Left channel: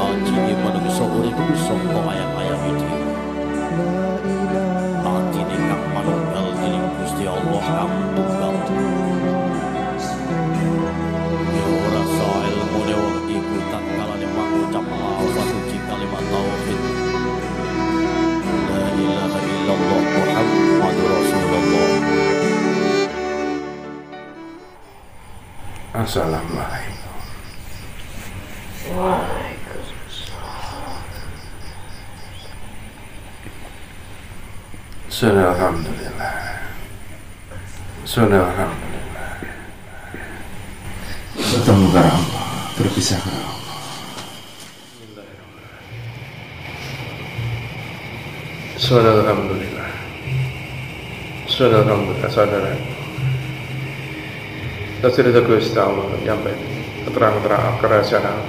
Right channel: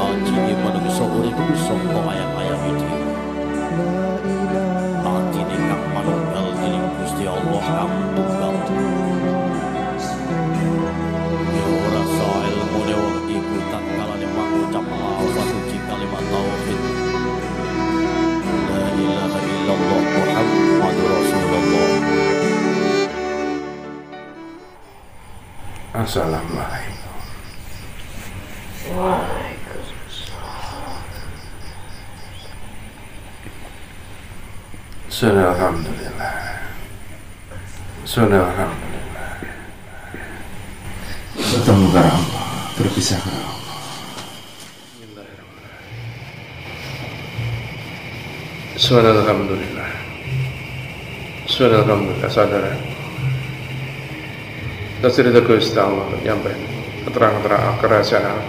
Aji manungsa urip saka ayam-ayam iki. Atine kang manunggal dening Gusti Allah kang tunggal. Ya ora sae ilmune wong iku tatkala mangucap lafaz suci kalimat tauhid. La ilaha illallah Muhammadur Rasulullah. Assalamualaikum. Waalaikumsalam. Alhamdulillah. Alhamdulillah. Bertemu kepada Allah, berpisah kepada Allah. Alhamdulillah. Alhamdulillah, saudara. Kita Gusti Allah nyampe terang-terang kerahasiaan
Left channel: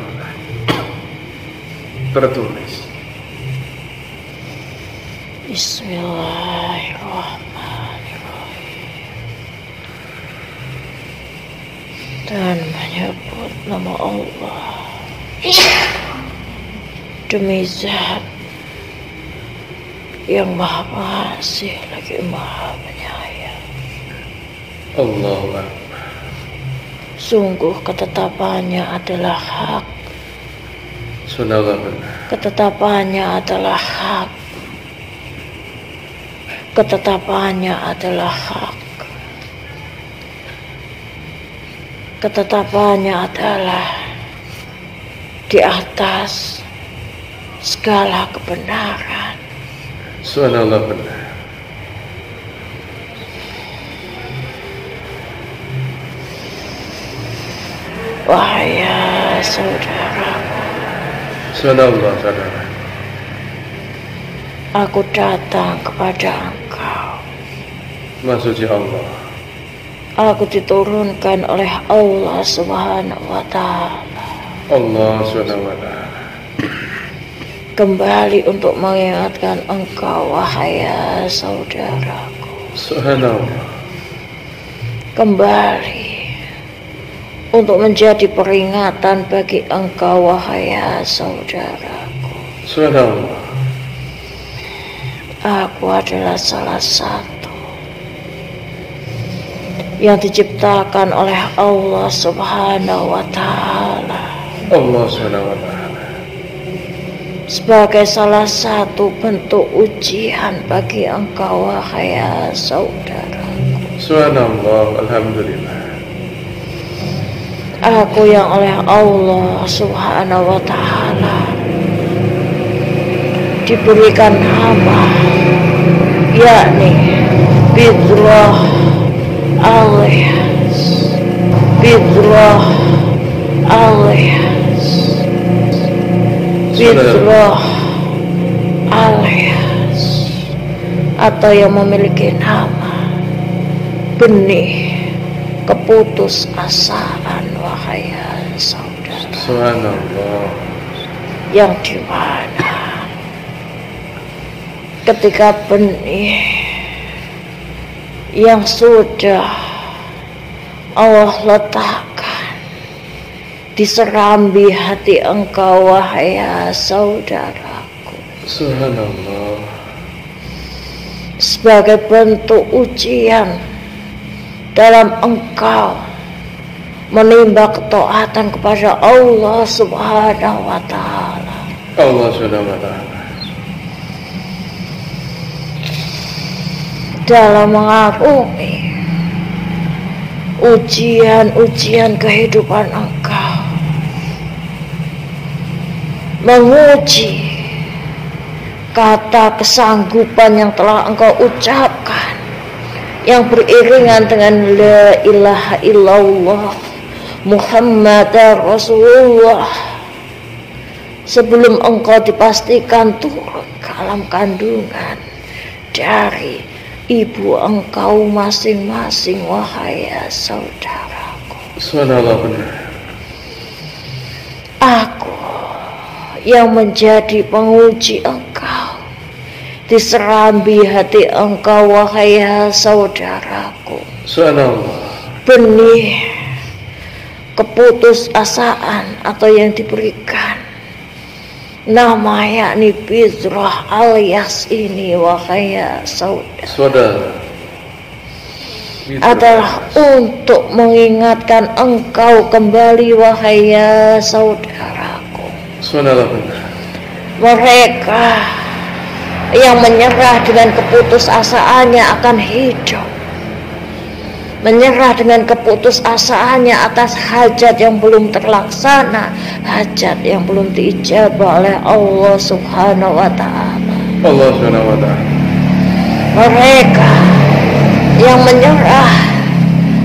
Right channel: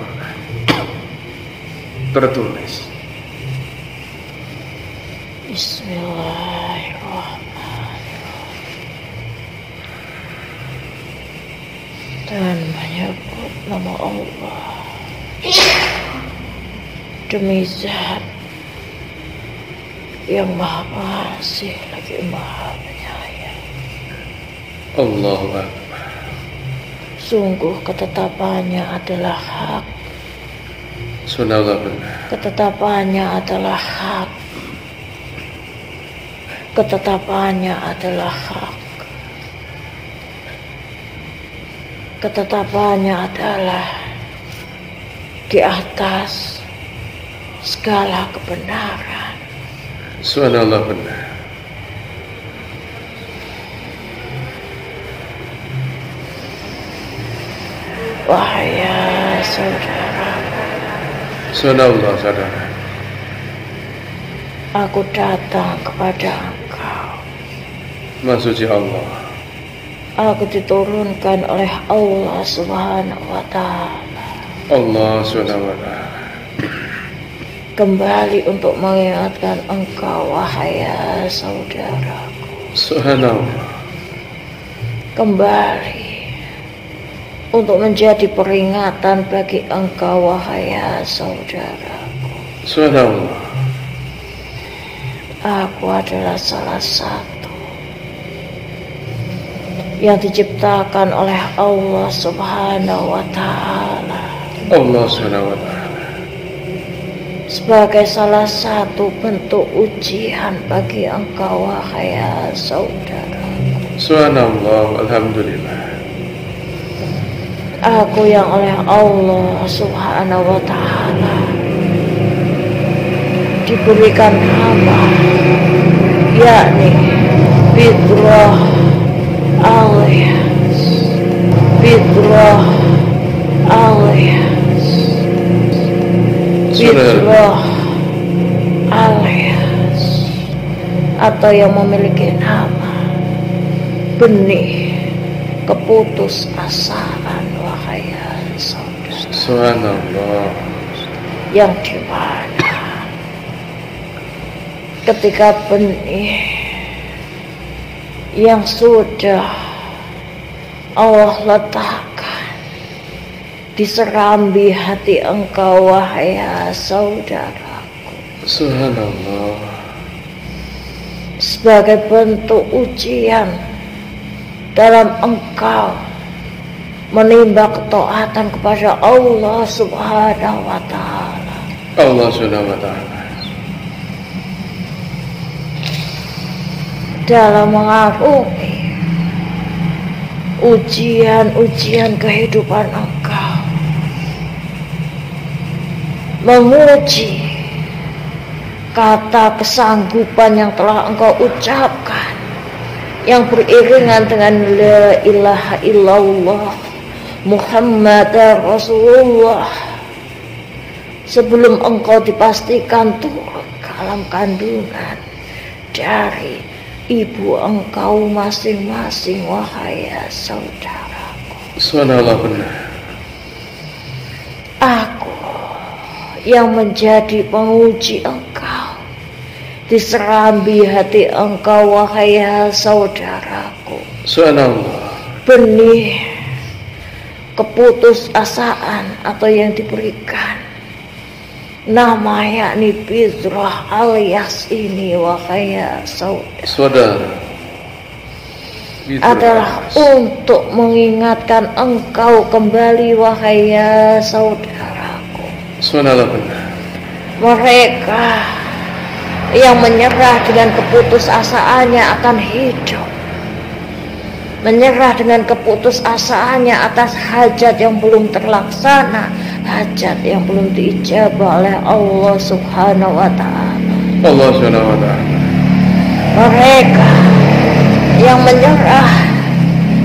tertulis. Bismillahirrahmanirrahim. Dan menyebut nama Allah demi zat yang maha pengasih lagi maha penyayang. Allahu Akbar. Sungguh ketetapannya adalah hak. Ketetapannya adalah hak. Ketetapannya adalah hak. Ketetapannya adalah di atas segala kebenaran. Subhanallah benar. Wahai saudara, Subhanallah saudara. Aku datang kepada engkau. Maksudnya Allah. Aku diturunkan oleh Allah Subhanahu wa Ta'ala. Allah Subhanahu wa Ta'ala. Kembali untuk mengingatkan engkau, wahai saudara. Subhanallah. Kembali untuk menjadi peringatan bagi engkau, wahai saudara. Subhanallah. Aku adalah salah satu yang diciptakan oleh Allah Subhanahu wa Ta'ala. Allah Subhanahu wa Ta'ala. Sebagai salah satu bentuk ujian bagi engkau, wahai saudara. Subhanallah, alhamdulillah. Aku yang oleh Allah Subhanahu wa Ta'ala diberikan nama, yakni Bidullah alias Bidullah alias Bidullah alias, atau yang memiliki nama benih keputusasaan, wahai saudara. Subhanallah. Yang dimana ketika benih yang sudah Allah letakkan di serambi hati engkau, wahai saudaraku, Subhanallah. sebagai bentuk ujian dalam engkau menimba ketaatan kepada Allah Subhanahu wa Ta'ala. Allah Subhanahu wa Ta'ala. Dalam mengarungi ujian-ujian kehidupan engkau, menguji kata kesanggupan yang telah engkau ucapkan, yang beriringan dengan la ilaha illallah Muhammadar Rasulullah, sebelum engkau dipastikan turun ke alam kandungan dari ibu engkau masing-masing, wahai saudaraku. Subhanallah benar. Aku yang menjadi penguji engkau di serambi hati engkau, wahai saudaraku. Subhanallah. Benih keputusasaan atau yang diberikan Nama yakni Bizrah alias ini wahai saudara adalah untuk mengingatkan engkau kembali wahai saudaraku. Mereka yang menyerah dengan keputusasaannya akan hidup, menyerah dengan keputusasaannya atas hajat yang belum terlaksana, hajat yang belum diijabah oleh Allah Subhanahu wa Ta'ala. Mereka yang menyerah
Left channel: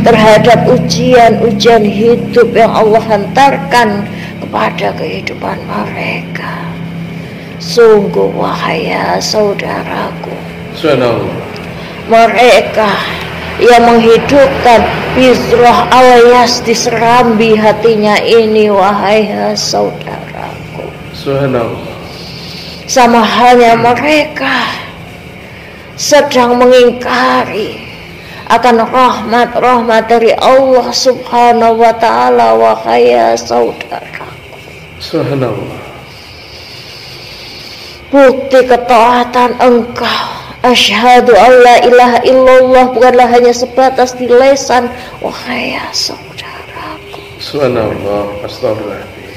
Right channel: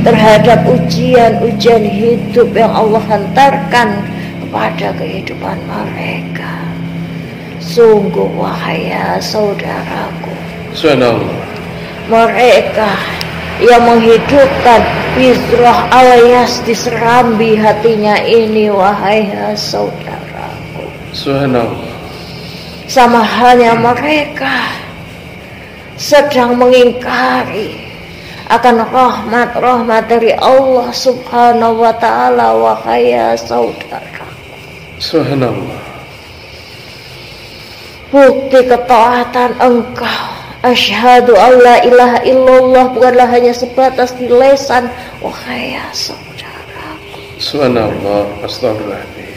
terhadap ujian-ujian hidup yang Allah hantarkan kepada kehidupan mereka. Sungguh wahai saudaraku, mereka yang menghidupkan Bizrah alias diserambi hatinya ini wahai saudaraku. Sama halnya mereka sedang mengingkari akan rahmat-rahmat dari Allah Subhanahu wa Ta'ala wahai saudaraku. Bukti ketaatan engkau asyhadu alla ilaha illallah bukanlah hanya sebatas di lisan wahai saudaraku. Subhanallah, astagfirullahaladzim.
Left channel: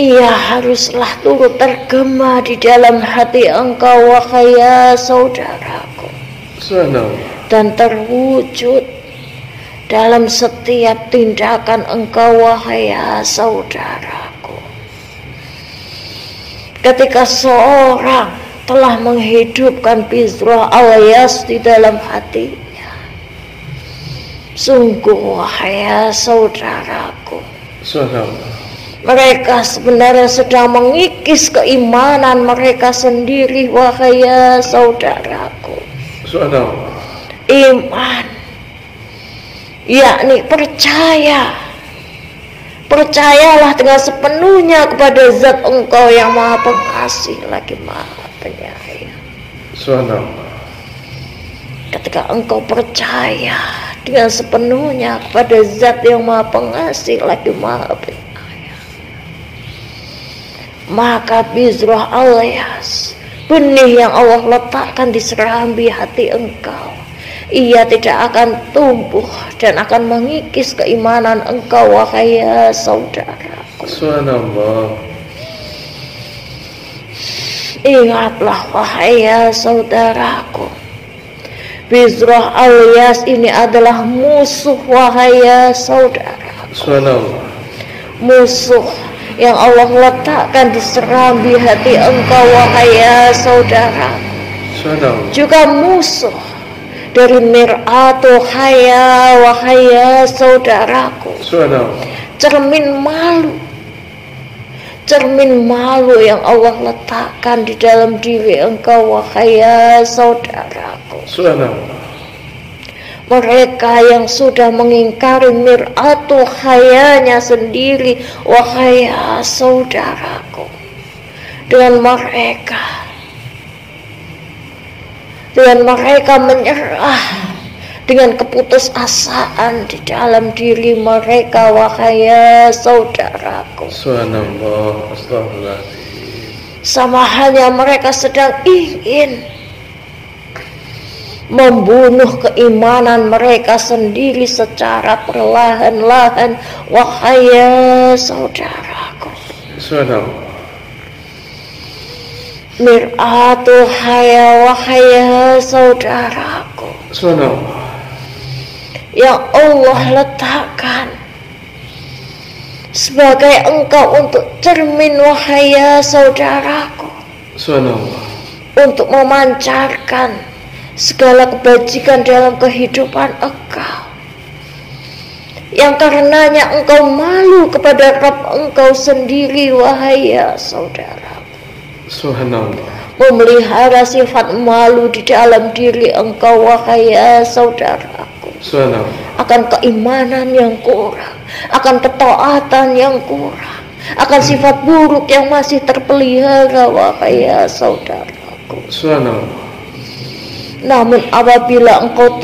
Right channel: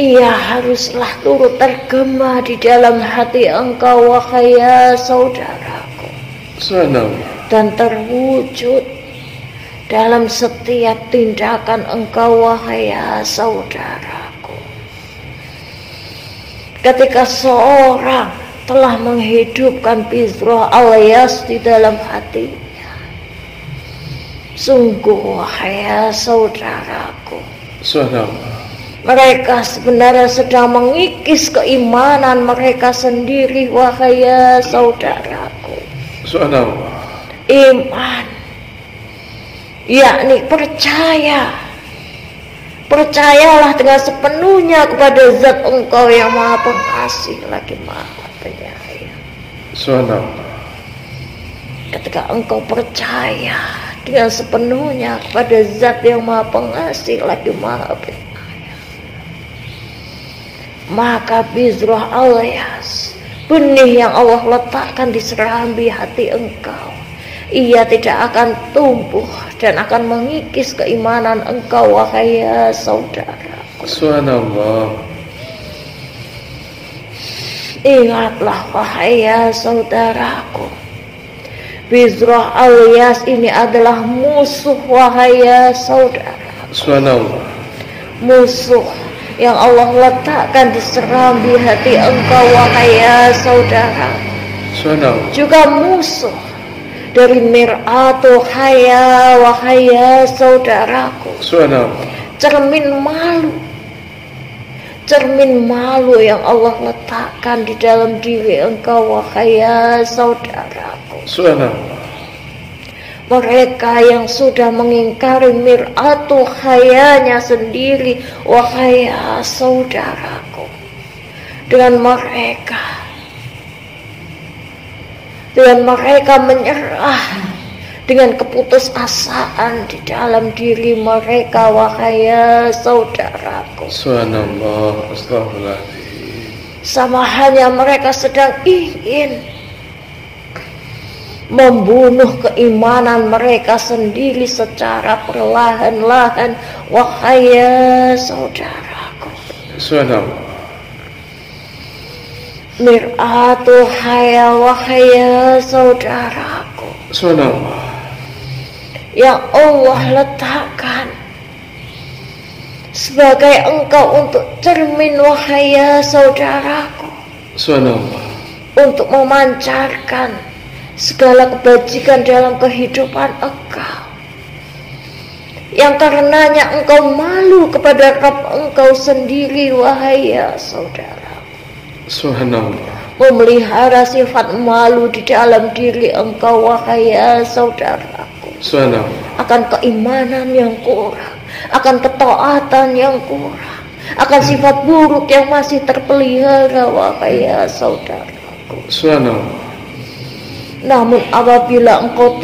Ia haruslah turut tergema di dalam hati engkau wahai saudaraku. Subhanallah. Dan terwujud dalam setiap tindakan engkau wahai saudaraku. Ketika seorang telah menghidupkan Bizrah alias di dalam hatinya, sungguh wahai saudaraku, mereka sebenarnya sedang mengikis keimanan mereka sendiri wahai saudaraku. Iman yakni percayalah dengan sepenuhnya kepada zat engkau yang maha pengasih lagi maha penyayang. Ketika engkau percaya dengan sepenuhnya kepada zat yang maha pengasih lagi maha penyayang, maka Bizrah alias benih yang Allah letakkan di serambi hati engkau, ia tidak akan tumbuh dan akan mengikis keimanan engkau wahai saudaraku. Subhanallah. Ingatlah wahai saudaraku, Bizrah alias ini adalah musuh wahai saudaraku. Subhanallah. Musuh yang Allah letakkan di serambi hati engkau wahai saudaraku. Subhanallah. Juga musuh dari mir'atul haya wahai saudaraku. Cermin malu yang Allah letakkan di dalam diri engkau wahai saudaraku. Mereka yang sudah mengingkari mir'atul hayanya sendiri wahai saudaraku, dengan mereka menyerah dengan keputusasaan di dalam diri mereka wahai saudaraku. Subhanallah, astagfirullahaladzim. Sama halnya mereka sedang ingin membunuh keimanan mereka sendiri secara perlahan-lahan wahai saudaraku. Subhanallah. Mir'atul haya wahai saudaraku, yang Allah letakkan sebagai engkau untuk cermin wahai saudaraku, untuk memancarkan segala kebajikan dalam kehidupan engkau, yang karenanya engkau malu kepada Rabb engkau sendiri wahai saudara. Subhanallah. Memelihara sifat malu di dalam diri engkau wahai saudaraku, akan keimanan yang kurang, akan ketaatan yang kurang, akan sifat buruk yang masih terpelihara wahai saudaraku. Namun apabila engkau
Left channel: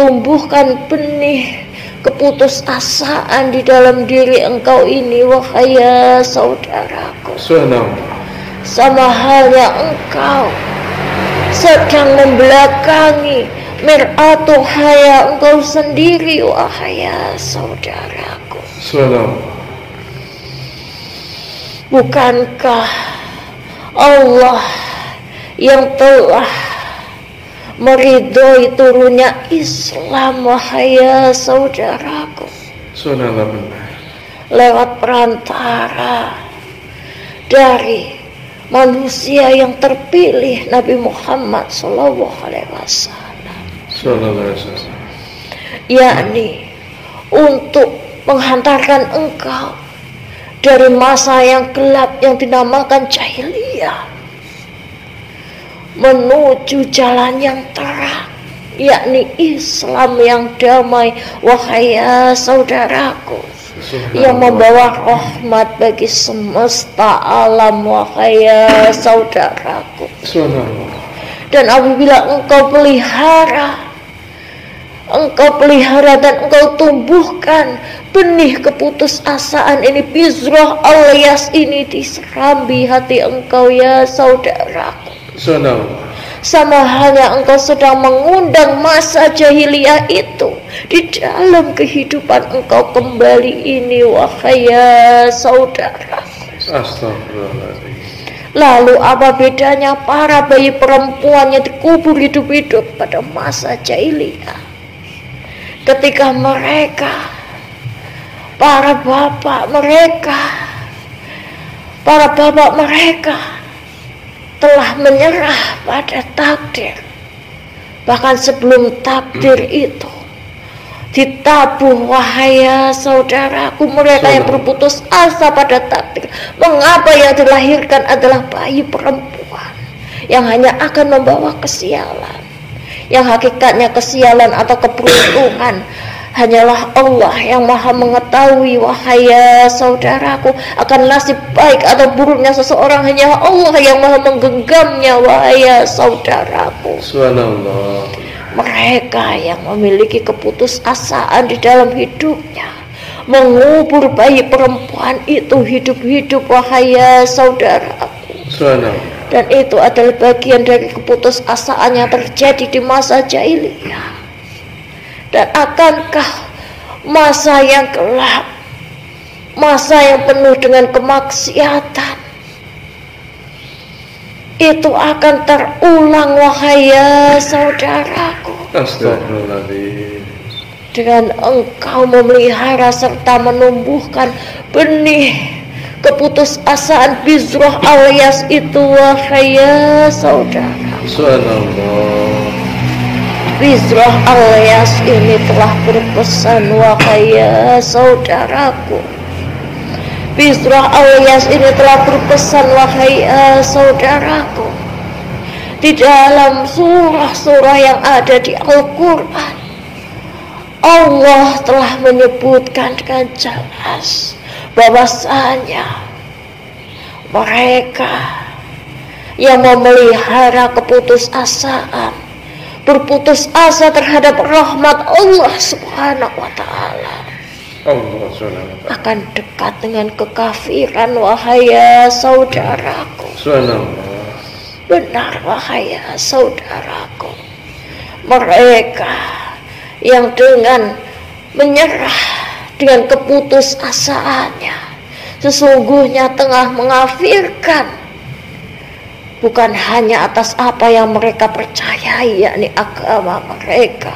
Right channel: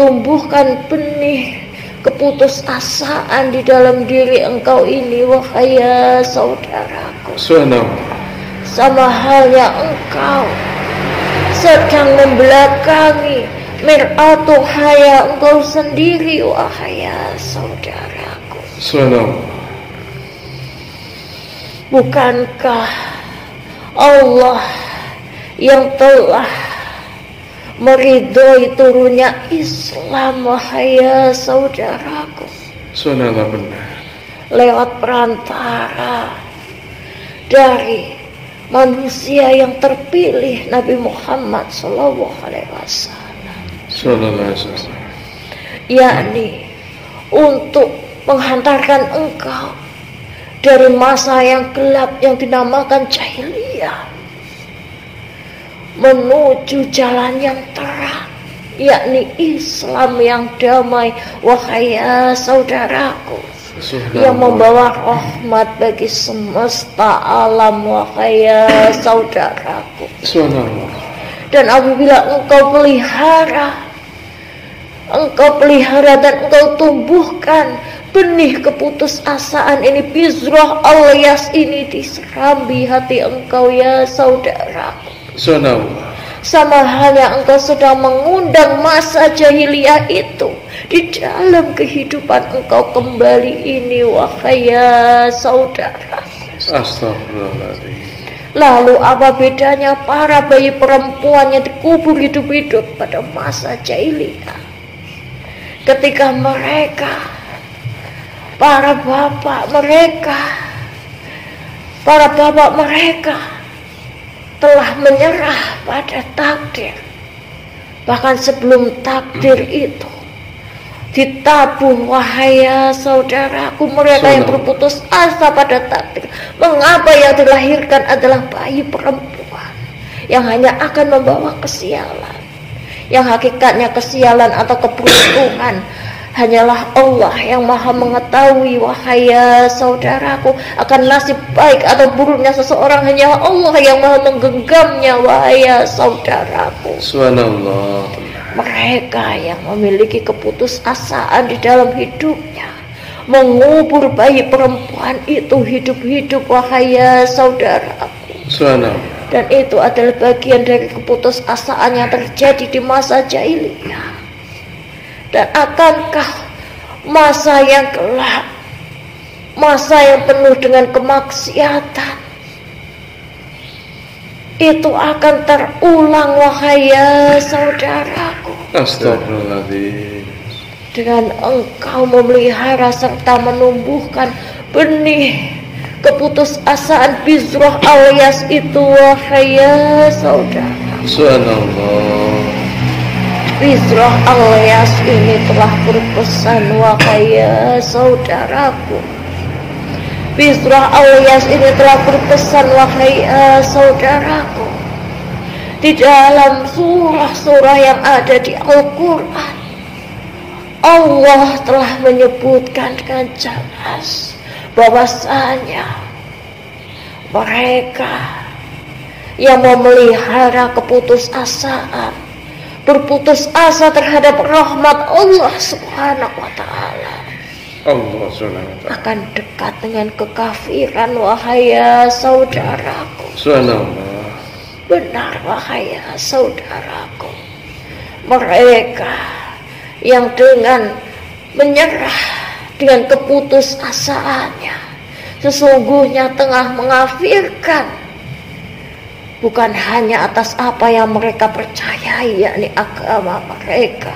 tumbuhkan benih keputusasaan di dalam diri engkau ini, wahai saudaraku. Sama halnya engkau sedang membelakangi mir'atu haya engkau sendiri, wahai saudaraku. Bukankah Allah yang telah meridhoi turunnya Islam, wahai saudaraku, lewat perantara dari manusia yang terpilih, Nabi Muhammad SAW, yakni untuk menghantarkan engkau dari masa yang gelap yang dinamakan jahiliyah menuju jalan yang terang, yakni Islam yang damai, wahai saudaraku, yang membawa rahmat bagi semesta alam, wahai saudaraku. Dan apabila engkau pelihara dan engkau tumbuhkan benih keputusasaan ini, bizroh alias ini diserambi hati engkau, ya saudaraku. Sama halnya engkau sedang mengundang masa jahiliyah itu di dalam kehidupan engkau kembali ini, wahai saudaraku. Lalu apa bedanya para bayi perempuan yang dikubur hidup-hidup pada masa jahiliyah, ketika mereka, para bapak mereka telah menyerah pada takdir. Bahkan sebelum takdir itu ditabung, wahai saudaraku, mereka yang berputus asa pada takdir. Mengapa yang dilahirkan adalah bayi perempuan yang hanya akan membawa kesialan, yang hakikatnya kesialan atau keberuntungan hanyalah Allah yang maha mengetahui, wahai saudaraku. Akan nasib baik atau buruknya seseorang hanya Allah yang maha menggenggamnya, wahai saudaraku. Mereka yang memiliki keputusasaan di dalam hidupnya mengubur bayi perempuan itu hidup-hidup, wahai saudaraku. Dan itu adalah bagian dari keputusasaan yang terjadi di masa jahiliyah. Dan akankah masa yang gelap, masa yang penuh dengan kemaksiatan itu akan terulang, wahai saudaraku, dengan engkau memelihara serta menumbuhkan benih keputusasaan bizroh alias itu, wahai saudara. Bizroh alias ini telah berpesan, wahai saudaraku. Bizroh alias ini telah berpesan, wahai saudaraku, di dalam surah-surah yang ada di Al-Quran. Allah telah menyebutkan dengan jelas bahwasanya mereka yang memelihara keputusasaan, berputus asa terhadap rahmat Allah Subhanahu wa ta'ala, akan dekat dengan kekafiran, wahai saudaraku. Benar, wahai saudaraku, mereka yang dengan menyerah dengan keputusasaannya sesungguhnya tengah mengkafirkan bukan hanya atas apa yang mereka percayai, yakni agama mereka,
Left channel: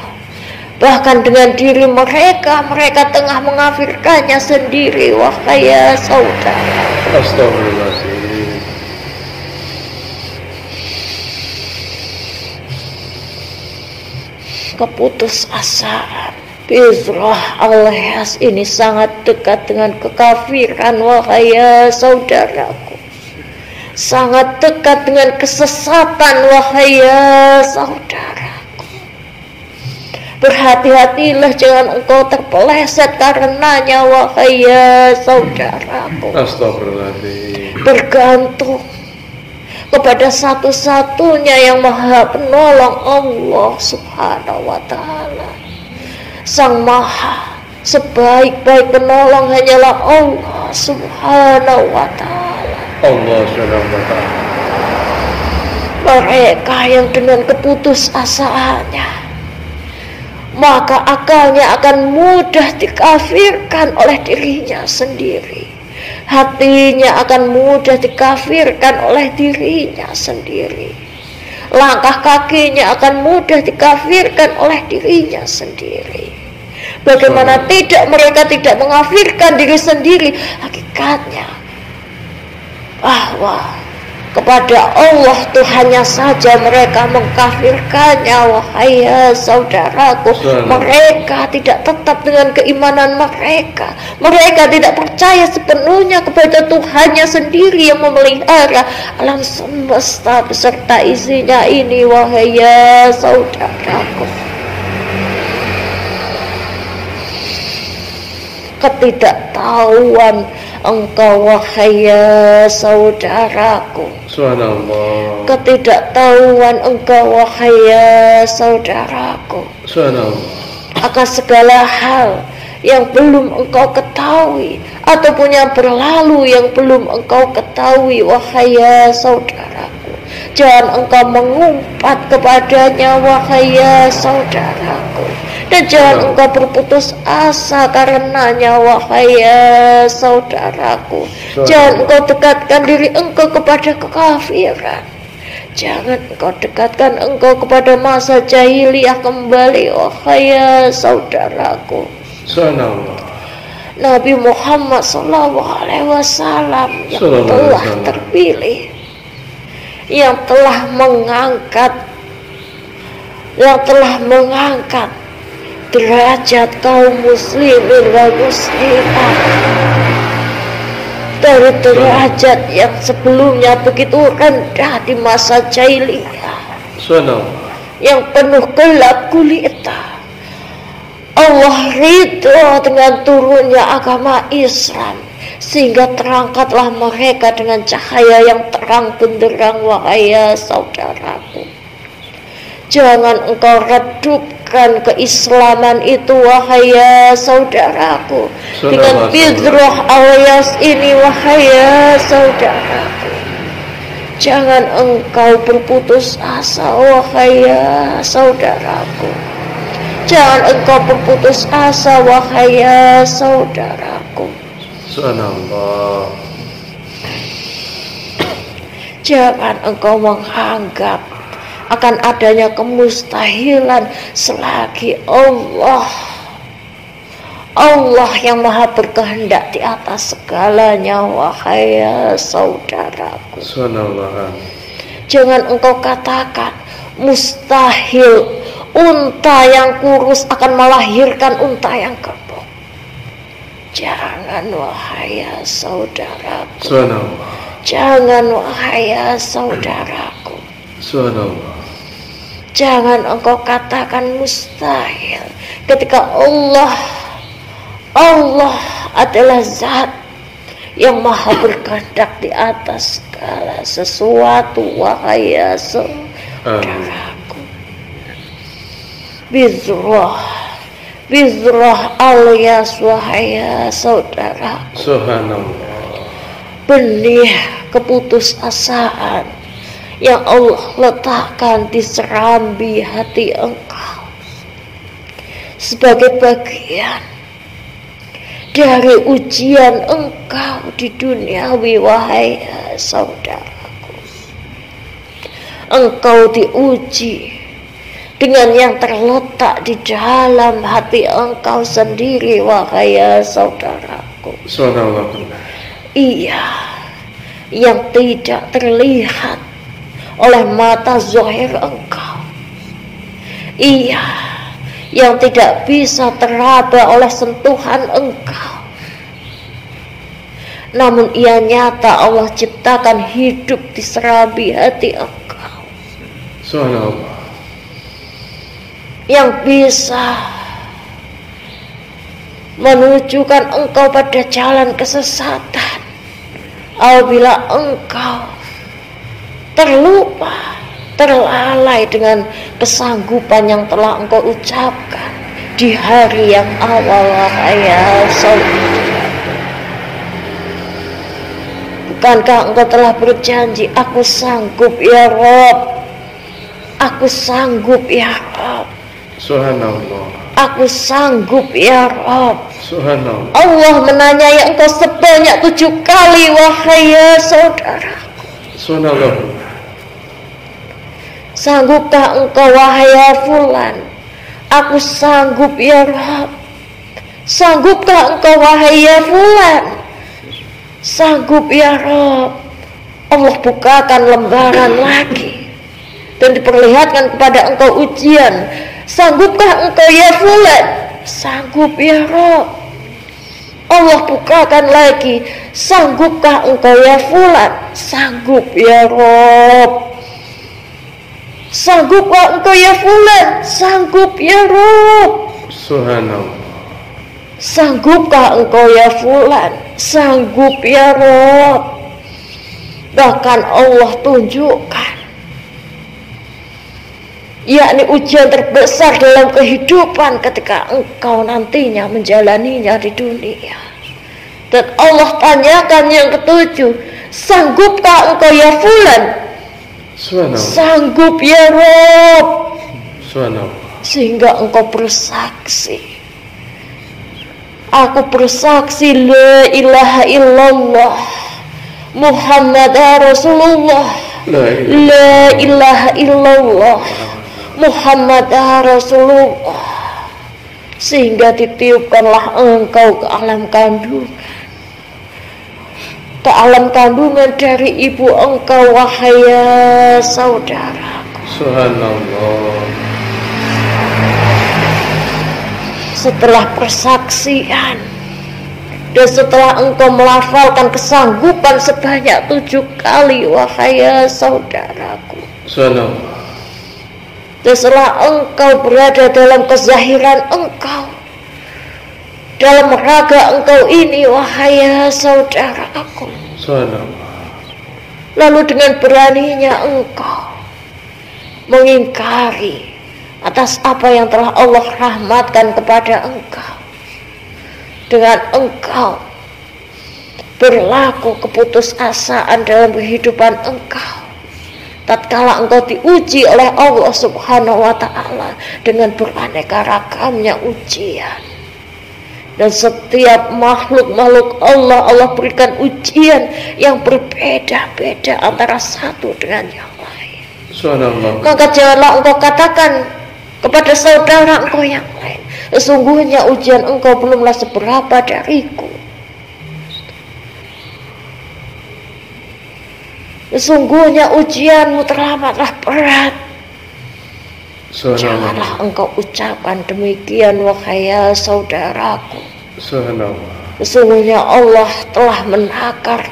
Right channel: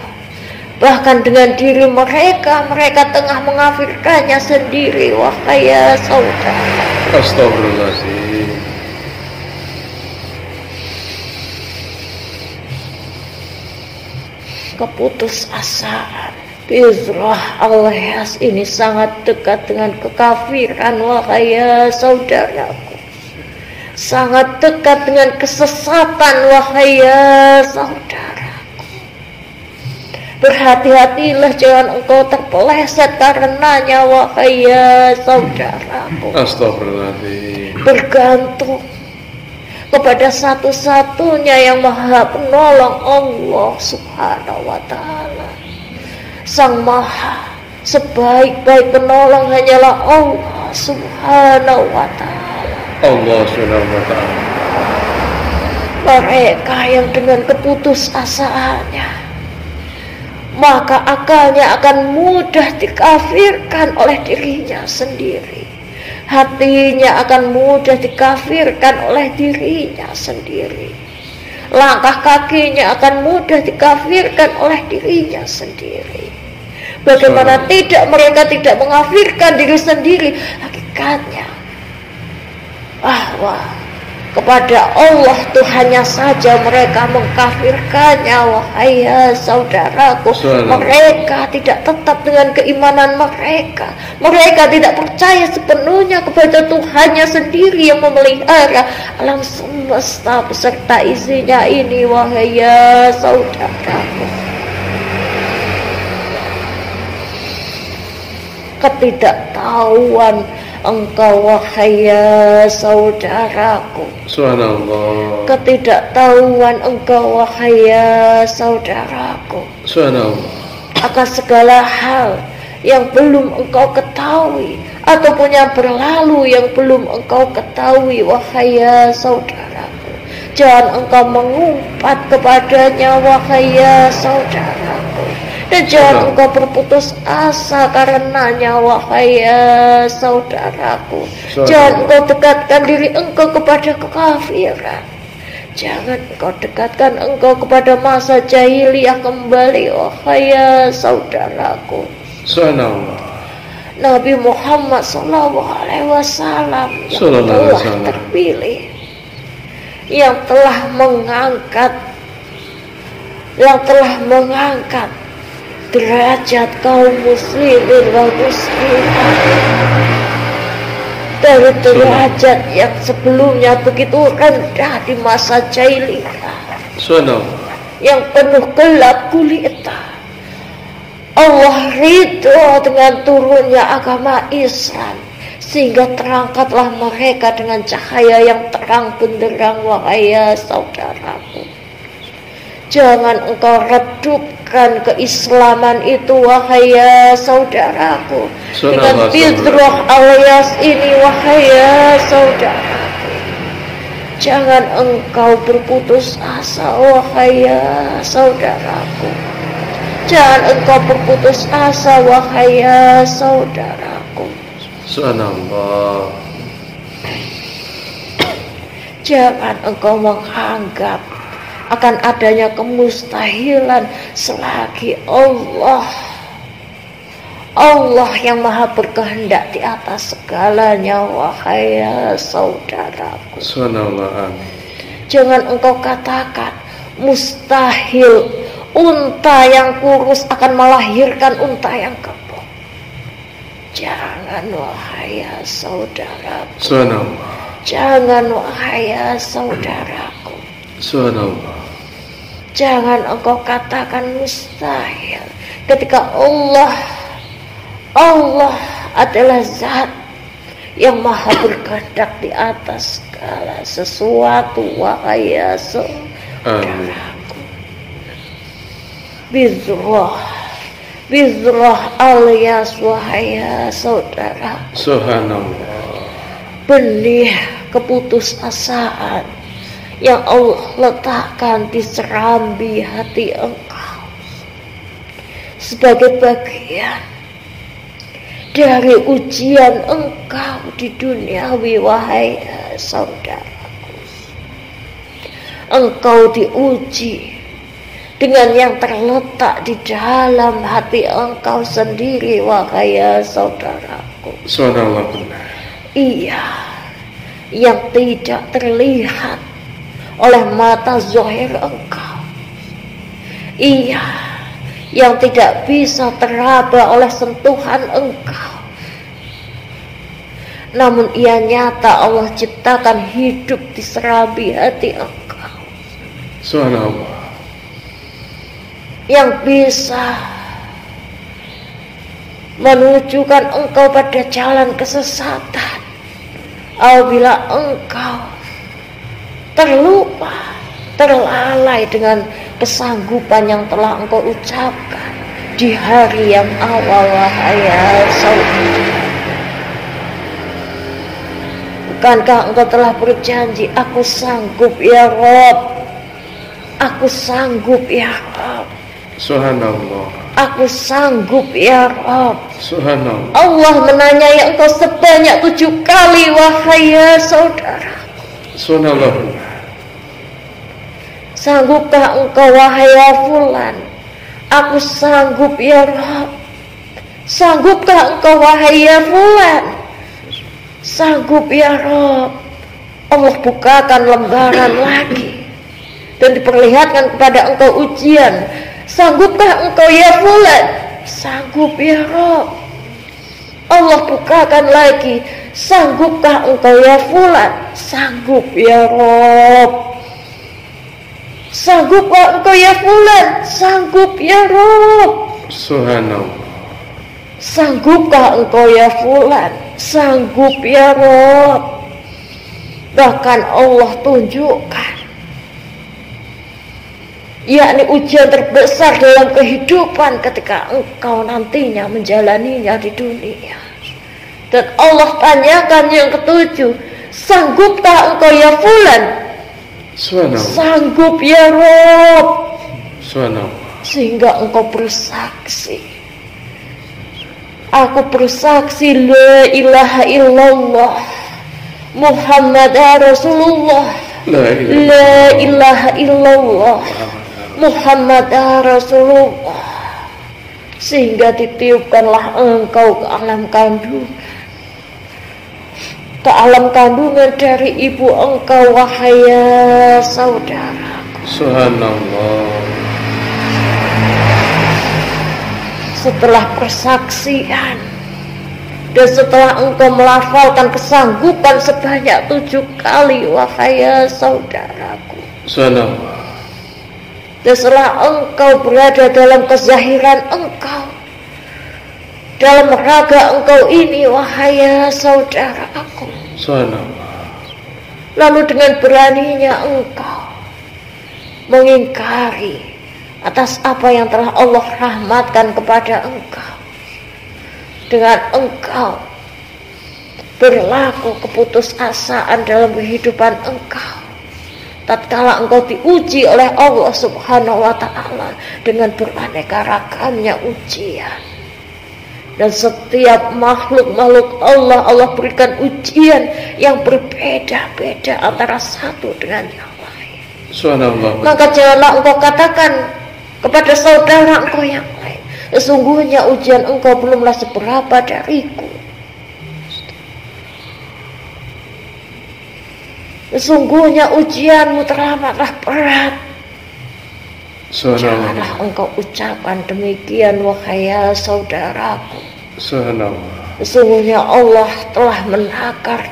bahkan dengan diri mereka tengah mengkafirkannya sendiri, wahai saudara. Astagfirullahaladzim. Keputusasaan bizroh alias ini sangat dekat dengan kekafiran, wahai saudaraku. Sangat dekat dengan kesesatan, wahai saudaraku. Berhati-hatilah jangan engkau terpeleset karenanya, wahai saudaraku. Astagfirullahaladzim. Bergantung kepada satu-satunya yang maha penolong, Allah Subhanahu wa ta'ala, sang maha Sebaik-baik penolong hanyalah Allah Subhanahu wa ta'ala. Allah Subhanahu wa ta'ala. Mereka yang dengan keputusasaannya, maka akalnya akan mudah dikafirkan oleh dirinya sendiri. Hatinya akan mudah dikafirkan oleh dirinya sendiri. Langkah kakinya akan mudah dikafirkan oleh dirinya sendiri. Bagaimana tidak mereka tidak mengafirkan diri sendiri? Hakikatnya bahwa kepada Allah Tuhannya saja mereka mengkafirkannya. Wahai saudaraku, mereka tidak tetap dengan keimanan mereka. Mereka tidak percaya sepenuhnya kepada Tuhannya sendiri yang memelihara alam semesta beserta isinya ini. Wahai saudaraku, ketidaktahuan engkau wahai saudaraku, Subhanallah. Ketidaktahuan engkau wahai saudaraku, Subhanallah. akan segala hal yang belum engkau ketahui ataupun yang berlalu yang belum engkau ketahui wahai saudaraku. Jangan engkau mengumpat kepadanya wahai saudaraku, dan jangan engkau berputus asa karenanya wahai saudaraku. Jangan engkau dekatkan diri engkau kepada kekafiran. Jangan engkau dekatkan engkau kepada masa jahiliyah kembali wahai saudaraku. Nabi Muhammad SAW yang telah terpilih, yang telah mengangkat derajat kaum muslimin wal muslimat dari derajat yang sebelumnya begitu rendah di masa jahiliyah yang penuh gelap gulita. Allah ridho dengan turunnya agama Islam sehingga terangkatlah mereka dengan cahaya yang terang benderang wahai saudaraku. Jangan engkau redupkan keislaman itu wahai saudaraku dengan bidroh alias ini wahai saudaraku. Jangan engkau berputus asa wahai saudaraku. Jangan engkau berputus asa wahai saudaraku. Jangan engkau menganggap akan adanya kemustahilan selagi Allah yang maha berkehendak di atas segalanya wahai saudaraku. Jangan engkau katakan mustahil unta yang kurus akan melahirkan unta yang gemuk. Jangan wahai saudaraku. Jangan wahai saudaraku. Jangan engkau katakan mustahil ketika Allah adalah zat yang maha berkehendak di atas segala sesuatu wahai saudaraku. Bizroh alias wahai saudaraku. Benih keputusasaan yang Allah letakkan di serambi hati engkau sebagai bagian dari ujian engkau di duniawi wahai saudaraku. Engkau diuji dengan yang terletak di dalam hati engkau sendiri wahai saudaraku. Iya, yang tidak terlihat oleh mata zahir engkau. Iya, yang tidak bisa teraba oleh sentuhan engkau. Namun ia nyata Allah ciptakan hidup di serambi hati engkau. Yang bisa menunjukkan engkau pada jalan kesesatan apabila engkau terlupa, terlalai dengan kesanggupan yang telah engkau ucapkan di hari yang awal, wahai saudara. Bukankah engkau telah berjanji, aku sanggup ya Rob, aku sanggup ya Rob, Subhanallah, aku sanggup ya Rob. Subhanallah. Allah menanyai engkau sebanyak 7 kali, wahai saudara. Subhanallah. Sanggupkah engkau, wahai fulan? Aku sanggup ya Rob. Sanggupkah engkau, wahai fulan? Sanggup ya Rob. Allah bukakan lembaran lagi dan diperlihatkan kepada engkau ujian. Sanggupkah engkau ya fulan? Sanggup ya Rob. Allah bukakan lagi. Sanggupkah engkau ya fulan? Sanggup ya Rob. Sanggupkah engkau ya fulan? Sanggup ya Rob. Subhanallah. Sanggupkah engkau ya fulan? Sanggup ya Rob. Bahkan Allah tunjukkan, yakni ujian terbesar dalam kehidupan ketika engkau nantinya menjalaninya di dunia. Dan Allah tanyakan yang ketujuh, sanggupkah engkau ya fulan? Sanggup ya Rob. Sehingga engkau bersaksi, aku bersaksi la ilaha illallah Muhammad Rasulullah, la ilaha illallah Muhammad Rasulullah. Sehingga ditiupkanlah engkau ke alam kandungan, ke alam kandungan dari ibu engkau, wahai saudara. Subhanallah. Setelah persaksian dan setelah engkau melafalkan kesanggupan sebanyak 7 kali, wahai saudaraku. Salam. Dan setelah engkau berada dalam kezahiran engkau, dalam raga engkau ini, wahai saudaraku. Salam. Lalu dengan beraninya engkau mengingkari atas apa yang telah Allah rahmatkan kepada engkau. Dengan engkau berlaku keputusasaan dalam kehidupan engkau, tatkala engkau diuji oleh Allah Subhanahu wa ta'ala dengan beraneka ragamnya ujian. Dan setiap makhluk-makhluk Allah berikan ujian yang berbeda-beda antara satu dengan yang lain. Maka janganlah engkau katakan kepada saudara engkau yang lain, sesungguhnya ujian engkau belumlah seberapa dariku. Sesungguhnya ujianmu teramatlah berat. Janganlah engkau ucapkan demikian, wahai saudaraku. Sesungguhnya Allah telah menakar.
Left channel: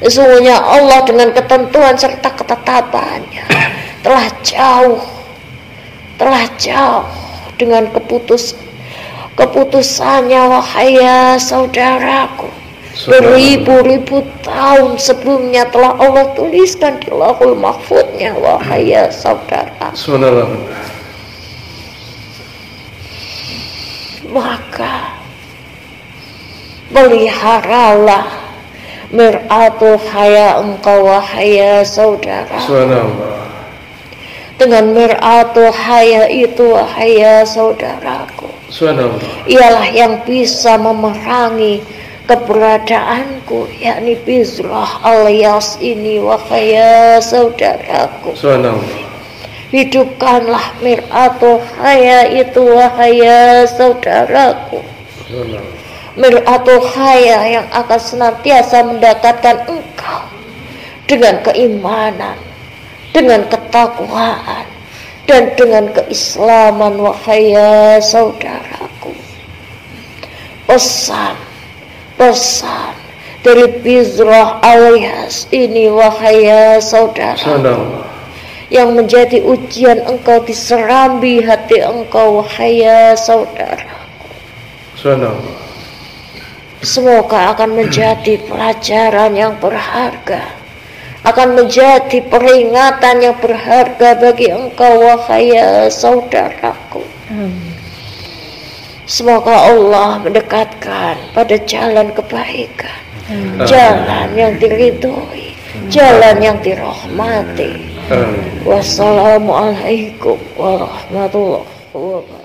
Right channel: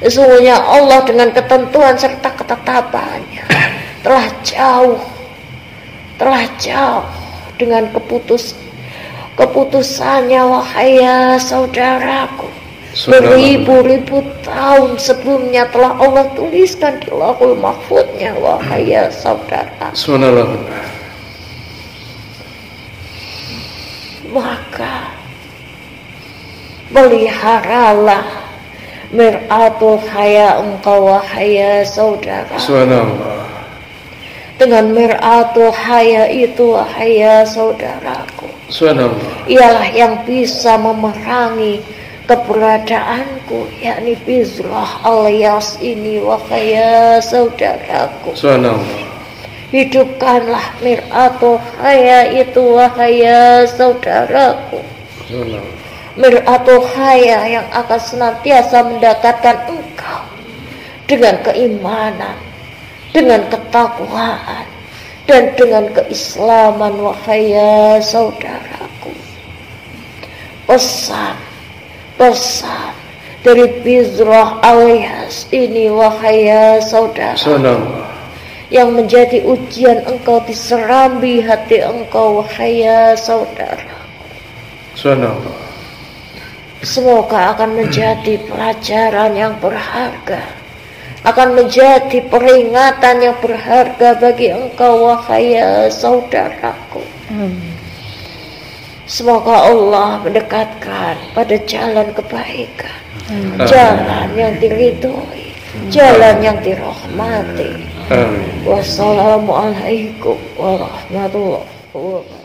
Sesungguhnya Allah dengan ketentuan serta ketetapannya telah jauh dengan keputusannya, wahai saudaraku. Beribu-ribu tahun sebelumnya telah Allah tuliskan di Lauhul Mahfuznya, wahai saudara. Maka peliharalah mir'atul haya engkau, wahai saudara. Dengan mir'atul haya itu, wahai saudaraku, ialah yang bisa memerangi keberadaanku, yakni bizrah alias ini, wahai saudaraku. Hidupkanlah mir'atul haya itu, wahai saudaraku. Mir'atul haya yang akan senantiasa mendekatkan engkau dengan keimanan, dengan ketakwaan, dan dengan keislaman, wahai saudaraku. Pesan dari bizrah alias ini, wahai saudara, yang menjadi ujian engkau di serambi hati engkau, wahai saudara. Semoga akan menjadi pelajaran yang berharga, akan menjadi peringatan yang berharga bagi engkau, wahai saudaraku. Semoga Allah mendekatkan pada jalan kebaikan, jalan yang diridhoi, jalan yang dirahmati. Wassalamualaikum warahmatullahi wabarakatuh.